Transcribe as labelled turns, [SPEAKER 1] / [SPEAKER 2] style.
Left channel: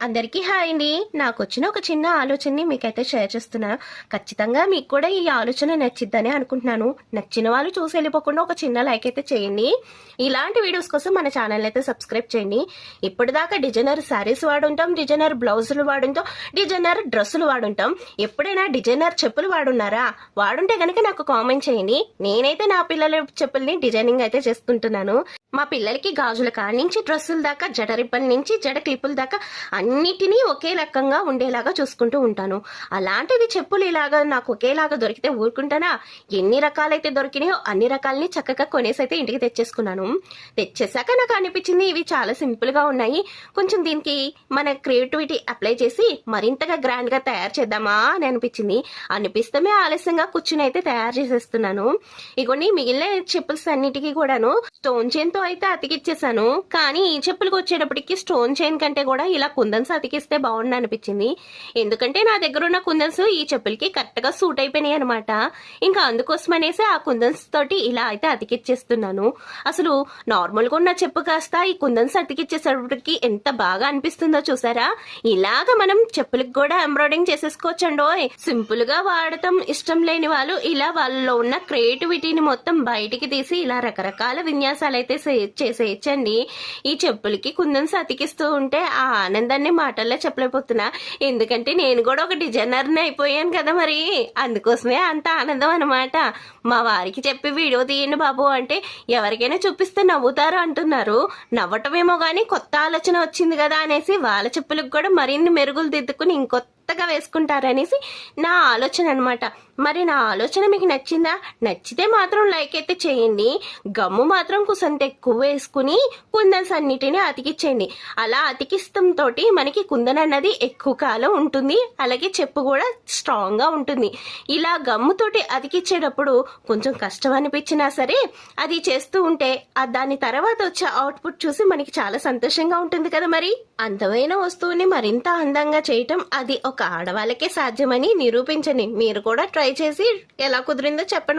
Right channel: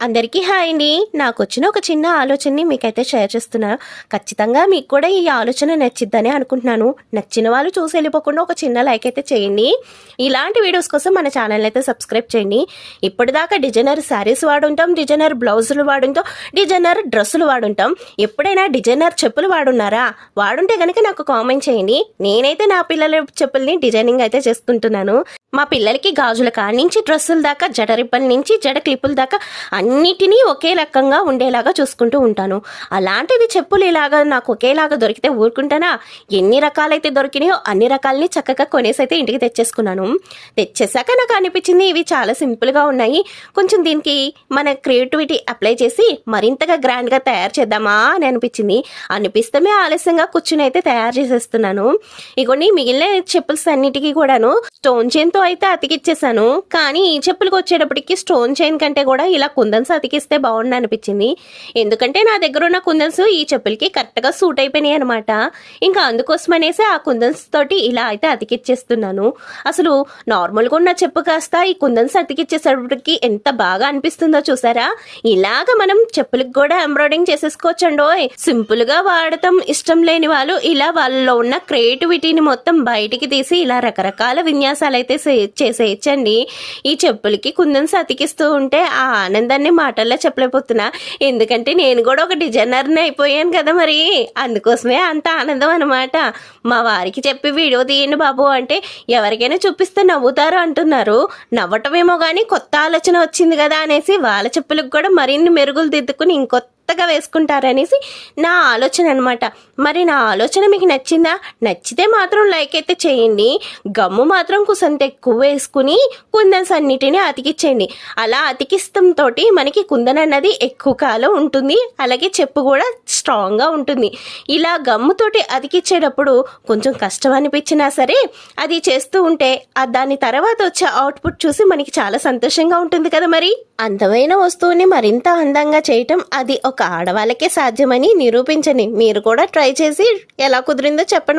[SPEAKER 1] అందరికీ హాయ్ అండి. నాకు వచ్చిన ఒక చిన్న ఆలోచనని మీకైతే షేర్ చేస్తున్నాను ఖచ్చితంగా మీకు కూడా ఈ ఆలోచన నచ్చిద్దని అనుకుంటున్నాను. నచ్చిన వాళ్ళు చూసి వెళ్ళిపోకుండా ఒక చిన్న లైక్ అయితే చేయండి. ఇలాంటి వీడియోస్ కోసం మన ఛానల్ అయితే సబ్స్క్రైబ్ చేయండి. ఇప్పటిదాకా డిజైనర్ శారీస్ వాడుంటాం డిజైనర్ బ్లౌజులు వాడుంటాం డిజైనర్ డ్రెస్సులు వాడుంటాం. ఎప్పుడైనా డిజైనర్ చెప్పులు వాడున్నారా? వాడుంటే కనుక నాకు కామెంట్ చేయండి. నేనైతే నా పిల్లల చెప్పుల్ని డిజైనింగ్ అయితే చేసుకుంటున్నాను మా పిల్లలకి గాజుల కాడి నుంచి డ్రెస్సుల దాకా జడ రిబ్బన్ నుంచి జడ క్లిప్పుల దాకా అన్నిటినీ ఒకే రకంగా ఉండేలాగా చూసుకుంటూ ఉంటాను. అలాంటిది చెప్పులు ఇలాగా నాకు ఒకేలాగా దొరికితే ఊరుకుంటానా? ఎన్ని రకాలైతే దొరికినాయో అన్ని రకాలని చక్కగా కొనేసి అయితే ఇంటికి తెచ్చేసుకున్నాను. తెచ్చేసాక నాకు అనిపించింది ఇవి చాలా సింపుల్గా ఉన్నాయి. కొంచెం దీనికి మన క్రియేటివిటీ అప్లై చేసి మరింతగా గ్రాండ్గా తయారు చేద్దామా అని అనిపించింది. అనిపిస్తమే ఆలస్యంగా కూర్చుని అయితే తయారు చేసేస్తున్నాను. ఇగోండి మిగిలిన చెప్పుల్స్ అన్నిటికీ కూడాను స్టోన్ చైన్తో అయితే అతికిచ్చేసాను కానీ ఈ చెప్పులకు వచ్చేటప్పటికి స్టోన్ చైన్ కంటే కూడా ఇలా కుందన్స్ అతికిస్తే బాగుండు అనిపించింది. ఎందుకంటే నా దగ్గర ఉన్న కుందన్స్ ఈ చెప్పులకి కరెక్ట్గా సూట్ అయిపోయినాయి అనమాట ఇంకా అందుకోసం అనేసి ఆ కుందన్స్ తోటి ఇలా అయితే అతికిచ్చేస్తున్నాను. అసలు నార్మల్గా ఉన్న చెప్పు కాస్త ఈ కుందన్స్ అతికిచ్చేసరికి ఎంత బాగా అనిపిస్తుందో చూసారా? ఇలాగ మనం చెప్పులకు కూడా ఎంబ్రాయిడింగ్ చేసేసుకోవచ్చండోయ్ సింపుల్గా వాడటం ఇష్టం లేని వాళ్ళు ఇలా వాళ్ళలో ఉన్న క్రియేటివిటీని మొత్తం బయటికి తీసి ఇలా రకరకాల విన్యాసాలు అయితే చేసేయచ్చండి. ఈ చెప్పులకి కుందన్స్ అతికిస్తూ ఉంటే ఆ ఆనందాన్ని మాటల్లో చెప్పలేకపోతున్నా. ఎందుకంటే నేను కూడా ఒక డిజైనర్ని అయిపోయాను కదా మరి. అందుకోసమే అంత ఆనందం అనమాట మా వారికి చెప్పి వీడియో తీయండి బాబు అంటే ఎవరికైనా చూపిస్తే నవ్వుతారు అంటున్నారు. నవ్వటమేమో కానీ కొత్త ఆలోచన వచ్చింది కదా అనేసి వాళ్ళ చెప్పులకు కూడా మరిన్ని మెరుగులు దిద్దుకుని కొత్తగా వేసుకుంటారనేసి నా ఆలోచన అనమాట మరి నా ఆలోచన మీకు నచ్చిందా? నచ్చితే మాత్రం లైక్ అయితే చేయండి. గమ్ము మాత్రం కుసంత ఎక్కువ వేసుకుని కుందన్స్ అన్నిటిని అతికిచ్చేయండి. అలా అతికిస్తం తోటి మనకి కుందన్ అన్నది ఎక్కువ కాలం ఉంటుంది. అలాగే చెప్పు కూడా స్ట్రాంగ్గా ఉంటుంది. ఇలా గమ్ముతోటి అతికిచ్చేటప్పుడు కొంచెం కష్టం అనిపించినా సరే అది చేస్తూ ఉంటే దాని తర్వాత వచ్చే అవుట్పుట్ చూసి మనకి చాలా సంతోషంగా ఉంటుంది కదా మరి? అందమైన వస్తువుని మరింత అందంగా చేయటం అది ఒక ఆడవాళ్ళకే సాధ్యమని నిరూపించండి. మీరు కూడా ట్రై చేసి ఎలా కుదిరిందో చెప్పండి.